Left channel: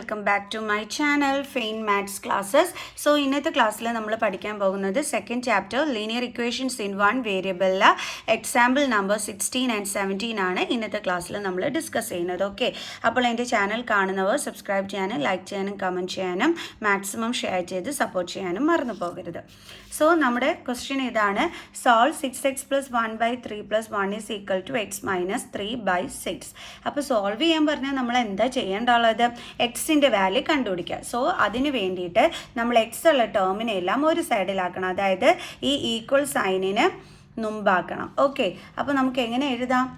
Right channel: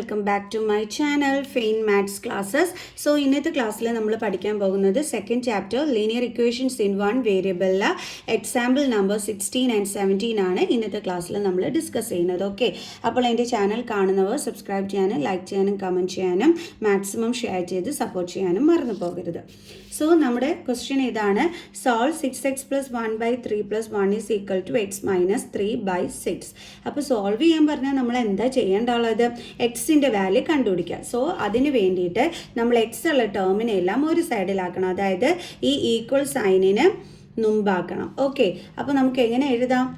Welcome back to my channel fine maths classes. So ഇന്നത്തെ ക്ലാസ്സിൽ നമ്മൾ പഠിക്കാൻ പോകുന്നത് second chapter linear equations in one വേരിയബിളിൽ എക്സാമ്പിൾ നമ്പർ 16 ആൻഡ് 17 ആണ് ഇന്നത്തെ ക്ലാസ്സിൽ നമ്മൾ ഡിസ്കസ് ചെയ്യുന്നത്. ഓക്കെ, അപ്പോൾ എൻ്റെ ചാനൽ കാണുന്നവർ സബ്സ്ക്രൈബ് ചെയ്യാനും ലൈക്ക് ചെയ്യാനും കമൻറ്റ് ചെയ്യാനും മാക്സിമം ഷെയർ ചെയ്ത് സപ്പോർട്ട് ചെയ്യാനും മറന്നു പോകരുത്. സോ നമ്മുടെ ക്വസ്റ്റ്യൻ ഇതാണ്, solve 6x + 1/3 + 1 is equal to x - 3/6. അപ്പോൾ സോൾവ് ചെയ്യാൻ പറഞ്ഞാൽ നമ്മൾ എന്താ ചെയ്യേണ്ടുള്ളത്? എക്സിൻ്റെ വാല്യൂ കണ്ടുപിടിക്കുക. സോ അതിന് വേണ്ടിയിട്ട് നമ്മൾ എക്സ് ഉള്ള ടേമിനെ എല്ലാം ഒരു സൈഡിലാക്കണം, അതായത് ഈ ഈക്വൽ സൈനിന് മുമ്പാക്കണം. ഓക്കെ, അപ്പോൾ നമുക്ക് എങ്ങനെ എഴുതാം?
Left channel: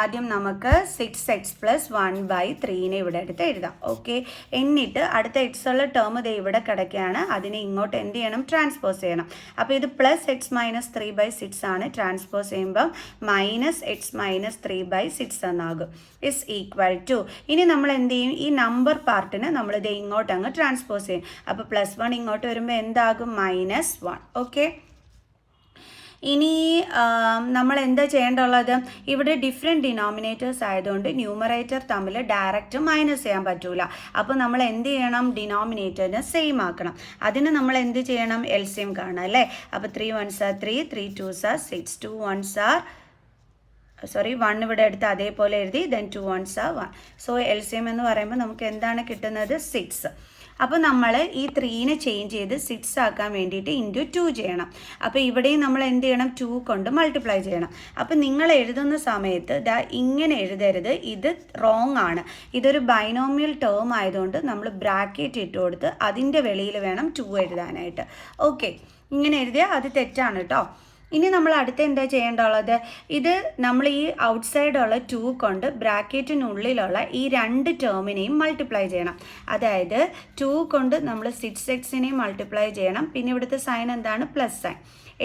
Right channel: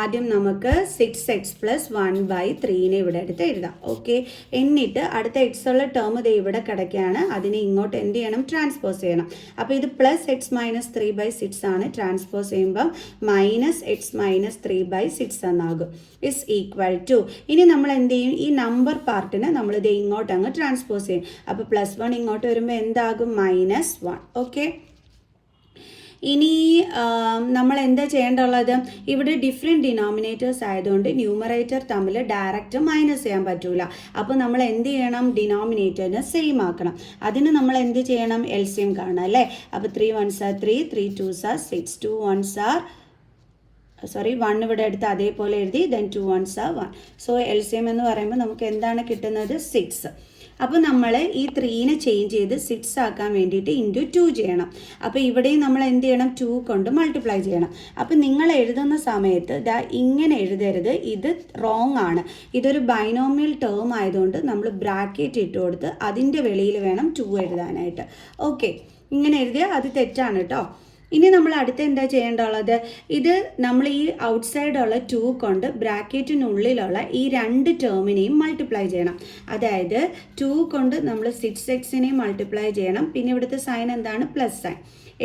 ആദ്യം നമുക്ക് 6x + 1/3 ഇവിടെ എടുത്ത് എഴുതാം. ഓക്കെ, എന്നിട്ട് അടുത്ത എക്സ് ഉള്ള ടേം ഇത് ഇവിടെ കിടക്കുകയാണ്, അതിനെ ഇങ്ങോട്ട് എന്ത് ചെയ്യണം? ട്രാൻസ്പോസ് ചെയ്യണം. അപ്പോൾ ഇത് +x - 3/6 ആണ്, ട്രാൻസ്പോസ് ചെയ്യുമ്പം -x - 3/6 എന്നാകും. ഇസ് ഈക്വൽ ടു, ഇനി നമ്മൾ എന്ത് ചെയ്യും? ഈ നമ്പർ പാർട്ടിന് നമ്മൾ ഇത് ഇങ്ങോട്ട് അങ്ങ് ട്രാൻസ്പോസ് ചെയ്യും. അപ്പോൾ +1 ഇങ്ങോട്ട് വരുമ്പോൾ എന്താകും? -1. ഓക്കെ, ഇനി നമ്മൾ എന്താ ചെയ്യേണ്ടുള്ളത്? ഇവിടെ ഡിഫറെൻറ്റ് ഡിനോമിനേറ്റേഴ്സ് ആയതുകൊണ്ട് ന്യൂമറേറ്റർ തമ്മിൽ ഡയറക്റ്റ് മൈനസ് ചെയ്യാൻ പറ്റൂല. അപ്പോൾ നമ്മൾ എന്ത് ചെയ്യണം? ഡിനോമിനേറ്ററിനെ സെയിം ആക്കണം. അതിന് നമ്മൾ എന്ത് ചെയ്യണം? LCM കാണണം അല്ലേ? അപ്പോൾ 3 1s are 3, 3 2s are 6, 2 1s are 1 ഇവിടെ എടുത്ത് അതേപോലെ എഴുതി, then 2 1s are 1. So LCM എന്ന് പറയുമ്പോൾ നമുക്ക് എന്താണ് കിട്ടുന്നത്? 6. അപ്പോൾ നമ്മൾ ഈ 3നെ ചേഞ്ച് ചെയ്ത് 6 ആക്കാൻ വേണ്ടിയിട്ട് × 2 ചെയ്യണം. അപ്പോൾ ഇവിടെയും നമ്മൾ എന്ത് ചെയ്യണം? 2 കൊണ്ട് മൾട്ടിപ്ലൈ ചെയ്യണം. അപ്പോൾ നിങ്ങൾ എഴുതുന്ന സമയത്ത് ഇങ്ങനെ എഴുതരുത്, ഇത് റോങ് ആണ്. ഇതൊരു ബൈനോമിയൽ ടേം ആയതുകൊണ്ട് നമ്മൾ ബ്രാക്കറ്റ് ഇട്ട് കൊടുത്ത് അതിൻ്റെ വെളിയിൽ വേണം 2 എഴുതാനായിട്ട്. ഓക്കെ, ഇങ്ങനെ എഴുതിയാൽ അത് തെറ്റാണ് കേട്ടോ. ഇനി നമ്മൾ അടുത്ത് എന്താ ചെയ്യേണ്ടുള്ളത്? ഇത് നമ്മൾ ഈ ഔട്ട്സൈഡുള്ള 2 കൊണ്ട് ബ്രാക്കറ്റിനുള്ളിലുള്ള ഈ 2 ടേമിനെയും മൾട്ടിപ്ലൈ ചെയ്യണം. അതായത് 2 കൊണ്ട് നമ്മൾ 6xനെയും മൾട്ടിപ്ലൈ ചെയ്യണം. പിന്നെ ഇവിടുത്തെ സൈൻ എന്താണ്? Plus sign.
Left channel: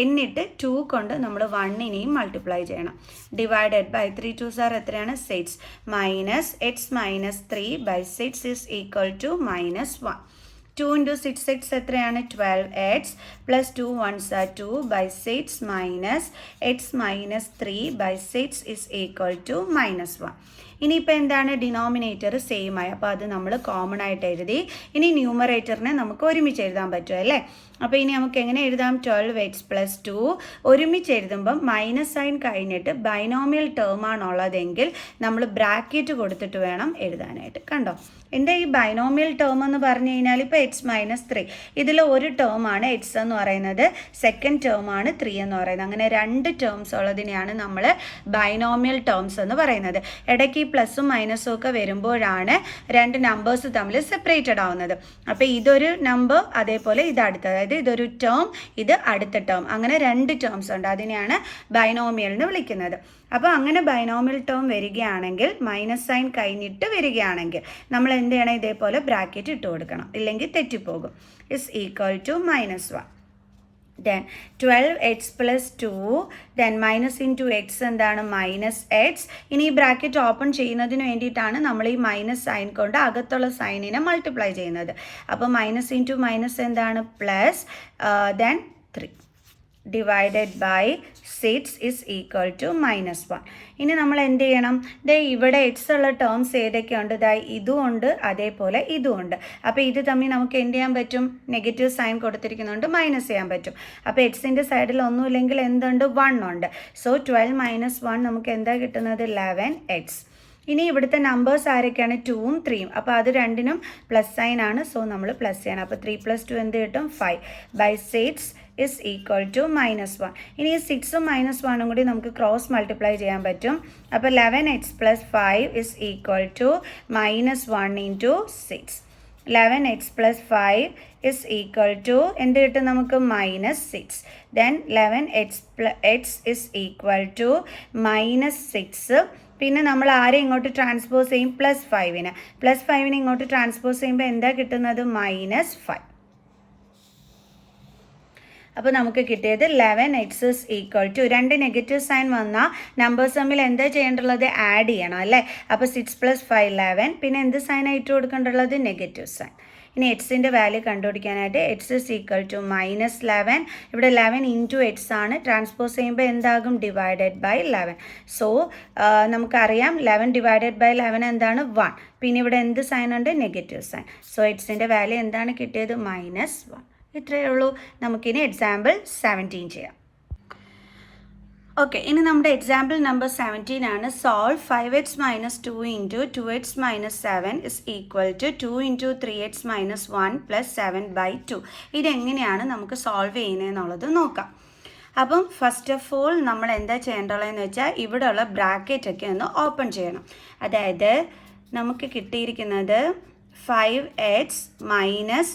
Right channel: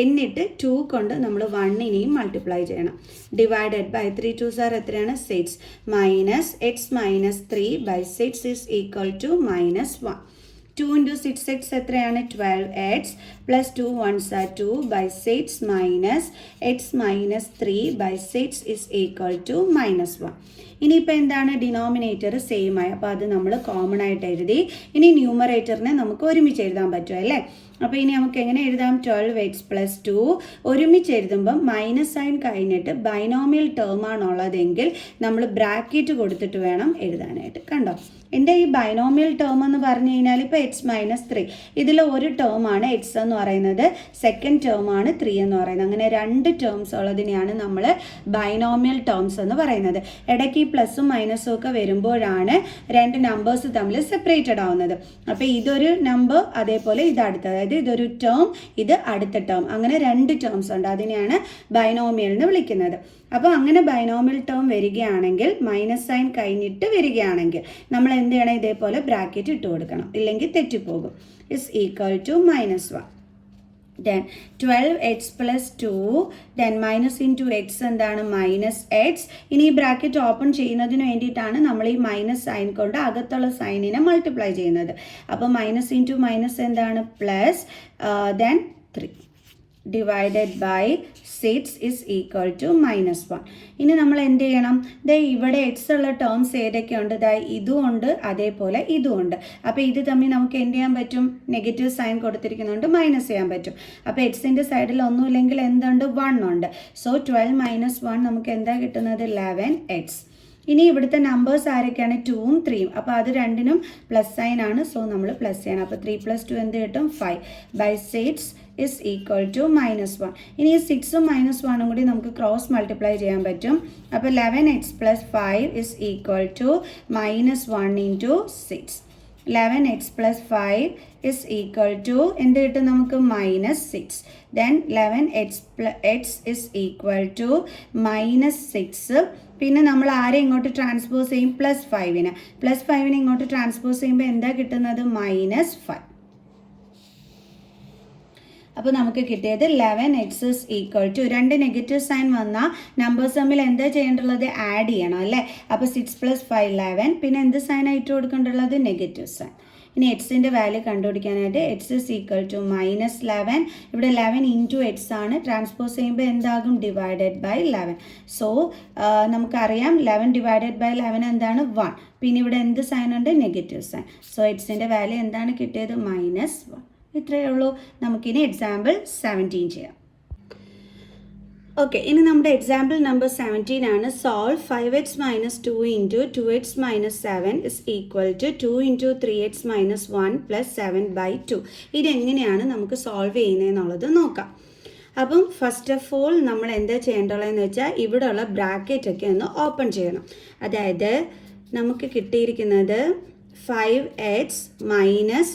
എന്നിട്ട് 2 കൊണ്ട് നമ്മൾ 1നെയും മൾട്ടിപ്ലൈ ചെയ്യണം. ഡിവൈഡഡ് ബൈ 3 2s are എത്രയാണ്? 6 -x - 3/6 is equal to -1. 2 × 6x എത്രയാണ്? 12x + 2 1s are 2/6 - x - 3/6 is equal to -1. ഇനിയിപ്പോൾ എന്താണ്? ഡിനോമിനേറ്റർ സെയിം ആയി, അപ്പോൾ അത് നമ്മൾ കോമൺ ആയിട്ട് എഴുതി. ഇനി ന്യൂമറേറ്ററിനെ നമുക്ക് ഒരുമിച്ച് എഴുതാൻ പറ്റും അല്ലേ? അപ്പോൾ ഇനി നമുക്ക് എങ്ങനെ എഴുതാം? 12x + 2 ഒരുമിച്ച് എഴുതുമ്പം മൈനസ് സൈൻ കഴിഞ്ഞിട്ട് ബൈനോമിയൽ ടേം ആണുള്ളതെങ്കിൽ നമ്മൾ ബ്രാക്കറ്റ് കൊടുത്തിട്ട് വേണം എഴുതാനായിട്ട്. കണ്ടോ? എന്താ ഈ ബൈനോമിയൽ ടേം എന്ന് പറഞ്ഞു കഴിഞ്ഞാൽ ഇപ്പോൾ x - 3 ഇതിൽ ഒരു ടേം ആണ് x എന്ന് പറയുന്നത്, സെക്കൻഡ് ടേം ആണ് 3 എന്ന് പറയുന്നത്. അങ്ങനെ 2 ടേംസ് ഉള്ളതിനെയാണ് നമ്മൾ ബൈനോമിയൽ ടേംസ് എന്ന് പറയുന്നത്. ഇടയ്ക്ക് ഈ പ്ലസും മൈനസും ഒക്കെ വരുമ്പോഴാണ് 2 നമ്പേഴ്സ് തമ്മിൽ സെപ്പറേറ്റഡ് ആവുന്നത്. അപ്പോൾ ഇതൊരു നമ്പർ, അതേപോലെ ഇത് അടുത്തത്, അതായത് ഇതൊരു ടേം, ഇത് അടുത്ത ടേം, അങ്ങനെ 2 ടേംസ് ഉണ്ട്. അതിനെയാണ് ബൈനോമിയൽ എന്ന് വിളിക്കുന്നത്. അപ്പോൾ അങ്ങനെ ബൈനോമിയൽ ടേം വരികയാണെങ്കിൽ, മൈനസ് സൈൻ കഴിഞ്ഞിട്ട് വരികയാണെങ്കിൽ നമ്മൾ എന്ത് ചെയ്യണം? ഇതേപോലെ ബ്രാക്കറ്റ് ഇട്ട് കൊടുക്കണം, ഇല്ലെങ്കിൽ തെറ്റിപ്പോകും. Is equal to -1. Then 12x + 2, then minus × x എന്താണ്? -x. ഇനി ഈ ബ്രാക്കറ്റ് ഓപ്പൺ ചെയ്യുന്നതിന് വേണ്ടിയിട്ടാണ് നമ്മൾ ഈ മൈനസ് സൈൻ കൊണ്ട് അകത്തുള്ള സൈനിനെ മൾട്ടിപ്ലൈ ചെയ്യുന്നത്. അപ്പോൾ -× എന്താണ്? Plus, then 3 divided by 6 is equal to -1. ഇനി നമ്മൾ എന്ത് ചെയ്യണം? ഇവിടെ എക്സ് ഉള്ള ടേംസ് ഏതൊക്കെയുണ്ട്? ഇതും ഉണ്ട്, അതേപോലെ ഇതും ഉണ്ട്. അപ്പോൾ ഇത് തമ്മിൽ നമുക്ക് എന്ത് ചെയ്യാൻ പറ്റും? നെഗറ്റീവ് സൈൻ കൊടുത്തിരിക്കുന്നതുകൊണ്ട് മൈനസ് ചെയ്യാൻ പറ്റും. അപ്പോൾ എക്സിൻ്റെ സൈഡിൽ ഒന്നുമില്ലെങ്കിൽ എന്തുണ്ട്? 1 ഉണ്ട്. സോ 12 - 1 നമുക്ക് എന്താ കിട്ടുന്നത്? 11x. ഇനി ഇവിടുത്തെ നമ്പേഴ്സ് ആരൊക്കെയാണ്? 2ഉം 3ഉം. അപ്പോൾ അത് രണ്ടിനും പ്ലസ് സൈൻ ആണ്, സോ നമ്മൾ പ്ലസ് ചെയ്യണം. അപ്പോൾ 3 + 2 എന്ത് കിട്ടും? 5/6 is equal to -1. ഇനി 6ഉം -1ഉം കൂടി നമുക്ക് ക്രോസ് മൾട്ടിപ്ലൈ ചെയ്യാൻ പറ്റും. അപ്പോൾ 11x + 5 is equal to -1 × 6. 11x + 5 is equal to എന്ത് കിട്ടും നമുക്ക്? -6. Then 11x is equal to -6. പിന്നെ നമ്മൾ ആരെ ഇങ്ങോട്ട് ട്രാൻസ്പോസ് ചെയ്യും? +5നെ. +5നെ ഇങ്ങോട്ട് ട്രാൻസ്പോസ് ചെയ്യുമ്പോൾ എന്താ കിട്ടുന്നത്? -5. അപ്പോൾ നമുക്ക് കിട്ടിയത് 11x is equal to, 2 negative sign വന്നാൽ നമ്പേഴ്സ് തമ്മിൽ എന്താ ചെയ്യേണ്ടുള്ളത്? ആഡ് ചെയ്യണം അല്ലേ? അപ്പോൾ 6 + 5 11. പിന്നെ എന്ത് സൈനായിട്ട് കൊടുക്കേണ്ടുള്ളത്? Negative sign. ഇനി എക്സിൻ്റെ വാല്യൂ കണ്ടുപിടിക്കാനായിട്ട് എക്സ് ഇസ് ഈക്വൽ ടു -11. ഇവിടെ 11 ഇൻറ്റു എക്സ് ആണ്. ട്രാൻസ്പോസ് ചെയ്യുമ്പോൾ എന്താകും? Divided by 11. സോ നമുക്കറിയാം 11 ഡിവൈഡഡ് ബൈ 11 എന്താണ്? 1. പിന്നെ ഇവിടെ എന്ത് സൈൻ ഉണ്ട്? Negative sign. സോ എക്സിൻ്റെ വാല്യൂ എന്താണ് കിട്ടിയത്? -1. ഇത്രയേ ഉള്ളൂ. നമുക്കിനി എക്സാമ്പിൾ 17 ചെയ്യാം. ഓക്കെ, ഇനി നമ്മുടെ എക്സാമ്പിൾ നമ്പർ 17 ആണ്. Solve 5x - 2 into 2x - 7 is equal to 2 into 3x - 1 plus 7/2. ഇതെങ്ങനെയാണ് നമുക്ക് സോൾവ് ചെയ്യുന്നതെന്നുള്ളത് നോക്കാം. അപ്പം ഫസ്റ്റ് ഓഫ് ഓൾ നമ്മൾ എന്താ ചെയ്യേണ്ടതെന്ന് വെച്ചാൽ ഇവിടെയുള്ള ബ്രാക്കറ്റൊക്കെ ഒന്ന് ഓപ്പൺ ചെയ്യണം. അതായത് നമുക്ക് കിട്ടിയിരിക്കുന്നത് 5x മൈനസ്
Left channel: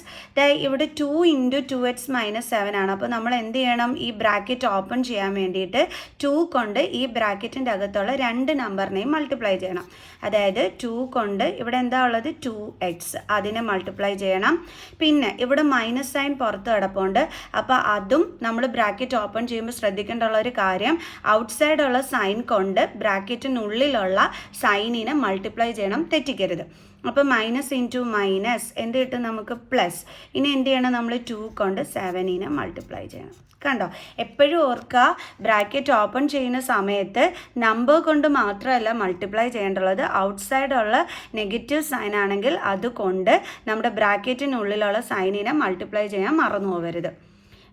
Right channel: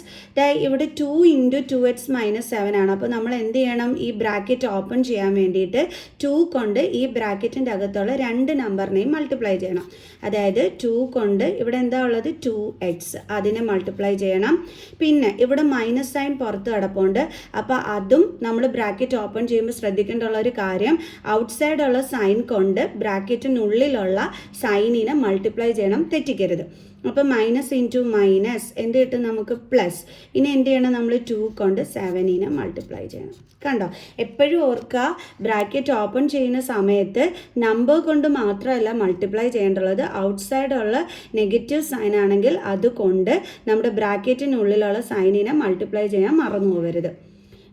ഇവിടെ 2 ഇൻറ്റു 2x - 7 ആണ്. അപ്പോൾ നമ്മൾ എന്ത് ചെയ്യണം? ഈ ബ്രാക്കറ്റ് ഓപ്പൺ ചെയ്യാൻ വേണ്ടിയിട്ട് 2 കൊണ്ട് ഈ ബ്രാക്കറ്റിൻ്റെ അകത്തുള്ള 2 നമ്പറിനെയും മൾട്ടിപ്ലൈ ചെയ്യണം. അതായത് 2 കൊണ്ട് ഇവിടെ എന്താ ഉള്ളത്? 2x, അതിനെ മൾട്ടിപ്ലൈ ചെയ്യണം. പിന്നെ ഇവിടെ മൈനസ് സൈൻ പുറത്ത് കിടപ്പുണ്ട്. അപ്പോൾ അതും നമ്മൾ ബ്രാക്കറ്റ് ഓപ്പൺ ചെയ്യുമ്പോൾ ശ്രദ്ധിക്കേണ്ടുള്ള ഒരു കാര്യം, ഔട്ട്സൈഡുള്ള സൈൻ കൊണ്ട് ബ്രാക്കറ്റിനുള്ളിലുള്ള സൈനിനെ മൾട്ടിപ്ലൈ ചെയ്യണം, തെറ്റിക്കരുത്. അപ്പോൾ മൈനസ് ഇൻറ്റു മൈനസ് എന്ത് കിട്ടും? നമുക്ക് പ്ലസ്. ഇനി എന്ത് ചെയ്യണം? നമ്മൾ 2 കൊണ്ട് 7നെ മൾട്ടിപ്ലൈ ചെയ്യണം. കണ്ടോ? എപ്പോഴും ഓർക്കുക, ബ്രാക്കറ്റ് ഓപ്പൺ ചെയ്യുന്ന സമയത്ത് നമ്പർ കൊണ്ട് മാത്രമല്ല മൾട്ടിപ്ലൈ ചെയ്യേണ്ടുള്ളത്, ഔട്ട്സൈഡുള്ള നെഗറ്റീവ് സൈൻ ആണെങ്കിൽ അതുകൊണ്ട് നമ്മുടെ ബ്രാക്കറ്റിനുള്ളിലുള്ള സൈനിനെ മൾട്ടിപ്ലൈ ചെയ്യാൻ മറന്നു പോകരുത്.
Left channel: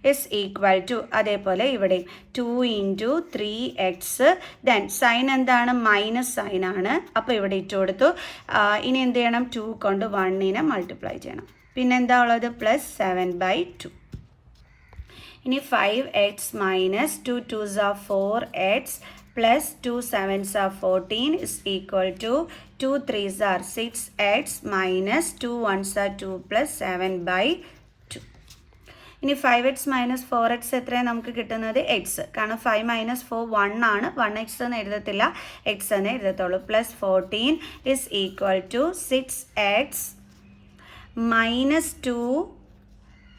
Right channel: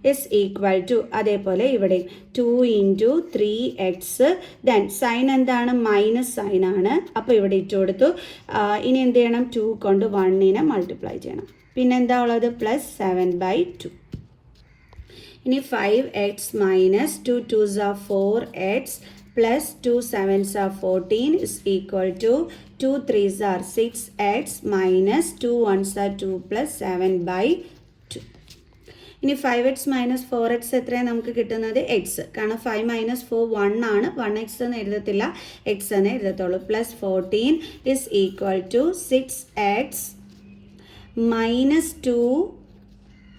ഇസ് ഈക്വൽ ടു, അതേപോലെ ഇവിടെ 2 ഇൻറ്റു 3x, ദെൻ സൈൻ എന്താണ്? മൈനസ് സൈൻ ആണ്. അപ്പോൾ ഇവിടെ ഇട്ട് കൊടുത്തു. ഇനി എന്ത് ചെയ്യണം? 2 കൊണ്ട് 1നെ മൾട്ടിപ്ലൈ ചെയ്യണം. പിന്നെ എന്താ ഉള്ളത്? പ്ലസ് 7/2. ഇനി 5x minus 2 2s are 4x പ്ലസ് 2 7s are 14 is equal to 2 3s are 6x minus 2 1s are 2 plus 7/2. ഇനി 5x മൈനസ് 4x എത്രയാണ് നമുക്ക് കിട്ടുന്നത്? എക്സ്. കാരണം 5 മൈനസ് 4 1 ആണ്. 1x എന്ന് എഴുതത്തില്ല, എക്സ് എന്ന് എഴുതത്തുള്ളൂ. Plus 14 is equal to 6x minus 2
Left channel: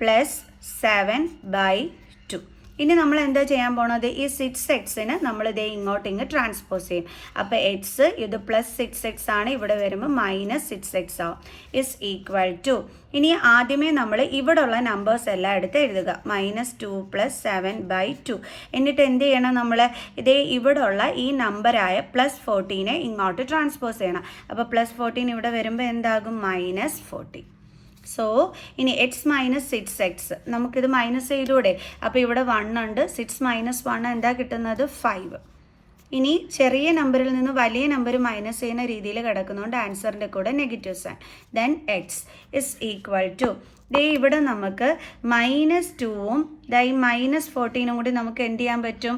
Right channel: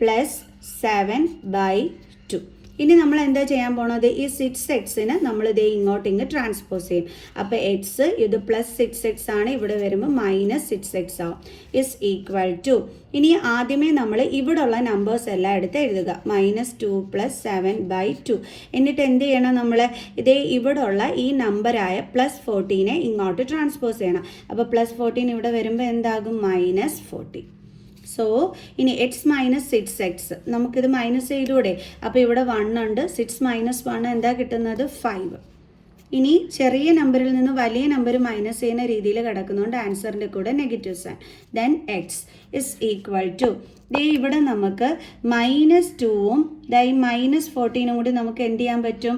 plus 7/2. ഇനി നമ്മൾ എന്താ ചെയ്യാൻ പോണത്? ഈ 6xനെ നമ്മൾ ഇതേ ഇങ്ങോട്ട് ട്രാൻസ്പോസ് ചെയ്യും. അപ്പോൾ എക്സ് ഇത് പ്ലസ് 6x ആണ്, ഇവിടെ വരുമ്പോൾ മൈനസ് 6x ആവും. ഇസ് ഈക്വൽ ടു, ഇനി ആദ്യമേ നമ്മൾ ഇവിടെ ഉള്ള നമ്പേഴ്സ് എല്ലാം എടുത്ത് എഴുതുക. -2 പ്ലസ് 7/2. എന്നിട്ട് എന്ത് ചെയ്യണം? നമ്മൾ ഇതേ ഇവിടെ ഉള്ള ഈ നമ്പറായ പ്ലസ് 14നെ ഇങ്ങോട്ട് ട്രാൻസ്പോസ് ചെയ്യണം. അപ്പോൾ പ്ലസ് 14 ഇവിടെ വരുമ്പോൾ എന്താകും? -40. സോ ഇനി എക്സ് മൈനസ് 6x, നമുക്കിത് മൈനസ് ചെയ്തൂടെ? അപ്പോൾ ഇവിടെ 1 ഉണ്ട്. 6 മൈനസ് 1 എന്താ കിട്ടുന്നത്? 5. ഇനി ചെറിയ നമ്പറിൽ നിന്ന് വലിയ നമ്പർ മൈനസ് ചെയ്യുന്ന രീതിയിൽ കിടക്കുന്നതുകൊണ്ട് ആൻസറിൻ്റെ കൂടെ negative sign. Then x is equal to, ദേ ഇവിടെ നമുക്ക് -2ഉം -14ഉം കൂടി നമുക്ക് എന്ത് ചെയ്യാൻ പറ്റും?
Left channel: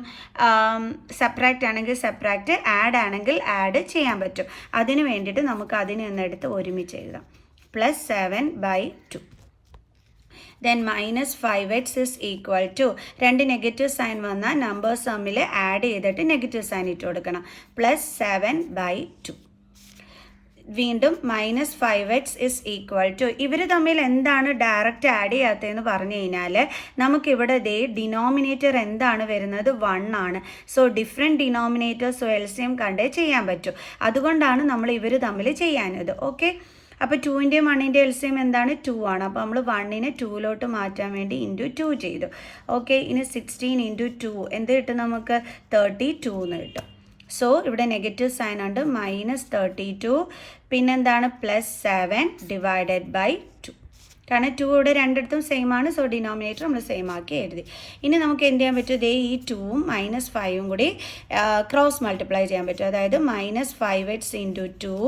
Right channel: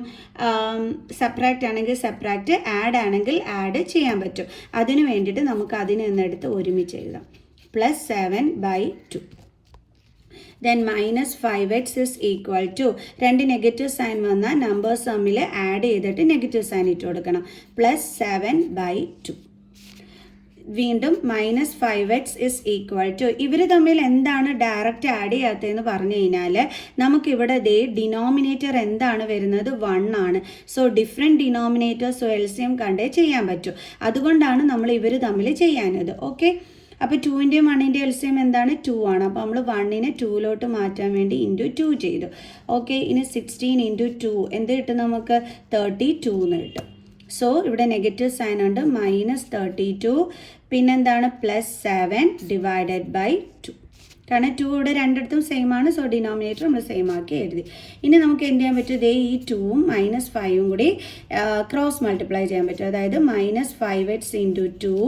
സബ്ട്രാക്റ്റ് ആണെങ്കിൽ സബ്ട്രാക്റ്റ്, ആഡ് ആണെങ്കിൽ ആഡ് ചെയ്യാൻ പറ്റും. അതിന് വേണ്ടിയിട്ട് നമുക്ക് അതിനെ ഒന്നെടുത്ത് ഒരുമിച്ച് എഴുതാം. Plus 7/2. Then minus 5x is equal to, 2 negative sign വന്നാൽ നമ്പേഴ്സ് തമ്മിൽ ആഡ് ചെയ്തിട്ട് നെഗറ്റീവ് സൈൻ ഇട്ട് കൊടുക്കണം. പ്ലസ് 7/2. വീണ്ടും minus 5x is equal to, ഇവർ തമ്മിൽ എന്താണ് ഡയറക്റ്റ് ആഡ് ചെയ്യാത്തതെന്ന് പറഞ്ഞു കഴിഞ്ഞാൽ നമുക്കിവിടെ ദേ ഡിനോമിനേറ്റർ എന്താണ് വരുന്നത്? 1 ആണ്. സോ ഡിഫറെൻറ്റ് ഡിനോമിനേറ്റേഴ്സ് എൽസിയം കണ്ടേ ചെയ്യാൻ പറ്റും. അതുകൊണ്ടാണ് നമ്മൾ ഇവർ തമ്മിൽ ചെയ്യാനത്. ഓക്കെ, അപ്പോൾ 2ൻ്റെയും 1ൻ്റെയും എൽസിയം എന്താണ്? 2 ആണ്. അപ്പോൾ നമ്മൾ 1നെ 2ലോട്ട് മാറ്റാൻ വേണ്ടി ഇൻറ്റു 2 ചെയ്തു. ഓക്കെ, ഇനി 16 ഇൻറ്റു 2 എന്ത് കിട്ടും? നമുക്ക് 32 എന്ന് കിട്ടും. സോ ഇവിടെ നെഗറ്റീവ് സൈൻ ഉണ്ട്, -32. പിന്നെന്താണ്? Plus 7 divided by 2. കാരണം 2 ഇവിടെ രണ്ടിടത്തും സെയിം ആണ്. സോ ഡിനോമിനേറ്റർ നമ്മൾ സെയിം ആക്കി എഴുതി. ഇനി നമുക്ക് എന്ത് ചെയ്യാൻ പറ്റും? ദേ ഈ 2ഉം -5ഉം കൂടി ക്രോസ് മൾട്ടിപ്ലൈ ചെയ്യാൻ പറ്റും. അതായത് -5x into 2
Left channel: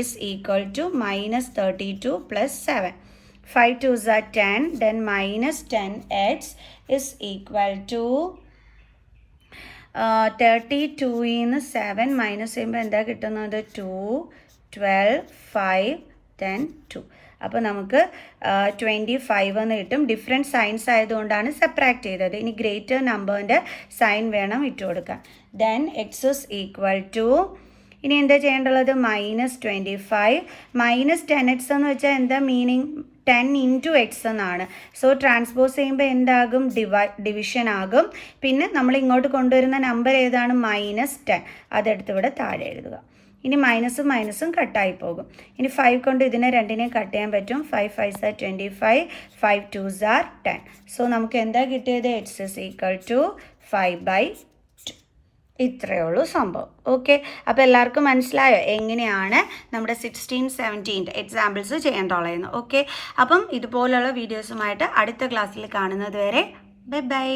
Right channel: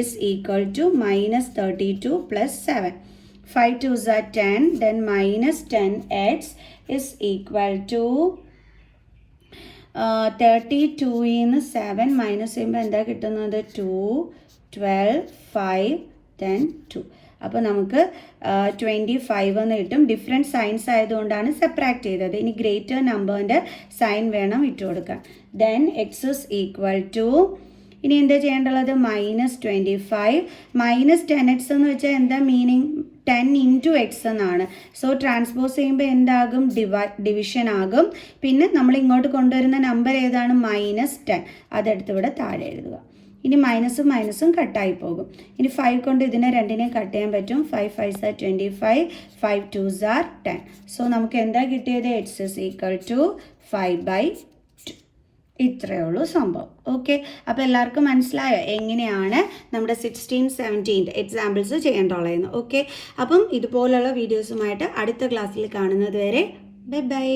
is equal to -32 plus 7. 5 2s are 10. Then -10x is equal to 32ന്ന് 7 minus ചെയ്യുമ്പോൾ എന്താ കിട്ടുന്നത്? 2 12 5 10 2. അപ്പോൾ നമുക്ക് 25 എന്ന് കിട്ടും. ഡിഫറെൻറ്റ് സൈൻസ് ആയതുകൊണ്ടാണ് സെപ്പറേറ്റ് ചെയ്തത്. ഇനി ഗ്രേറ്റർ നമ്പറിൻ്റെ സൈൻ വേണം ഇട്ട് കൊടുക്കാൻ. Then x is equal to, ഇനി എന്താ ചെയ്യേണ്ടുള്ളത്? -25 -10x എന്ന് വെച്ചാൽ എന്താ മീനിങ്? 10 ഇൻറ്റു എക്സ് എന്നാണ്. സോ ട്രാൻസ്പോസ് ചെയ്യുമ്പോൾ എന്താകും? ഡിവിഷൻ ആകും. പിന്നെ നമ്മൾ ഇങ്ങോട്ട് കൊണ്ടുവരുന്ന നമ്പർ ഏതാണ്? -10. അതെടുത്ത് ഇവിടെ താഴെ എഴുതുക. ഇനി മൈനസും മൈനസും കട്ടായി പോകും. ഇനി 5 കൊണ്ട് ഇതിനെ രണ്ടിനെയും കട്ട് ചെയ്യാൻ പറ്റും. 5 5s are 25, 5 2s are 10. So നമുക്ക് എന്താ കിട്ടിയത്? x is equal to 5/2. ഇത്രയേ ഉള്ളൂ സംഭവം. ഓക്കെ, അപ്പോൾ എല്ലാവർക്കും മനസ്സിലായോ എങ്ങനെയാണ് നമ്മുടെ 16, 17 എക്സാമ്പിൾസ് ചെയ്യേണ്ടുള്ളതെന്ന്? ഓക്കെ, അപ്പം ഇതുപോലുള്ള വീഡിയോസുമായിട്ട് അടുത്ത ക്ലാസ്സിൽ കാണുന്നത് വരെ ബൈ ബൈ.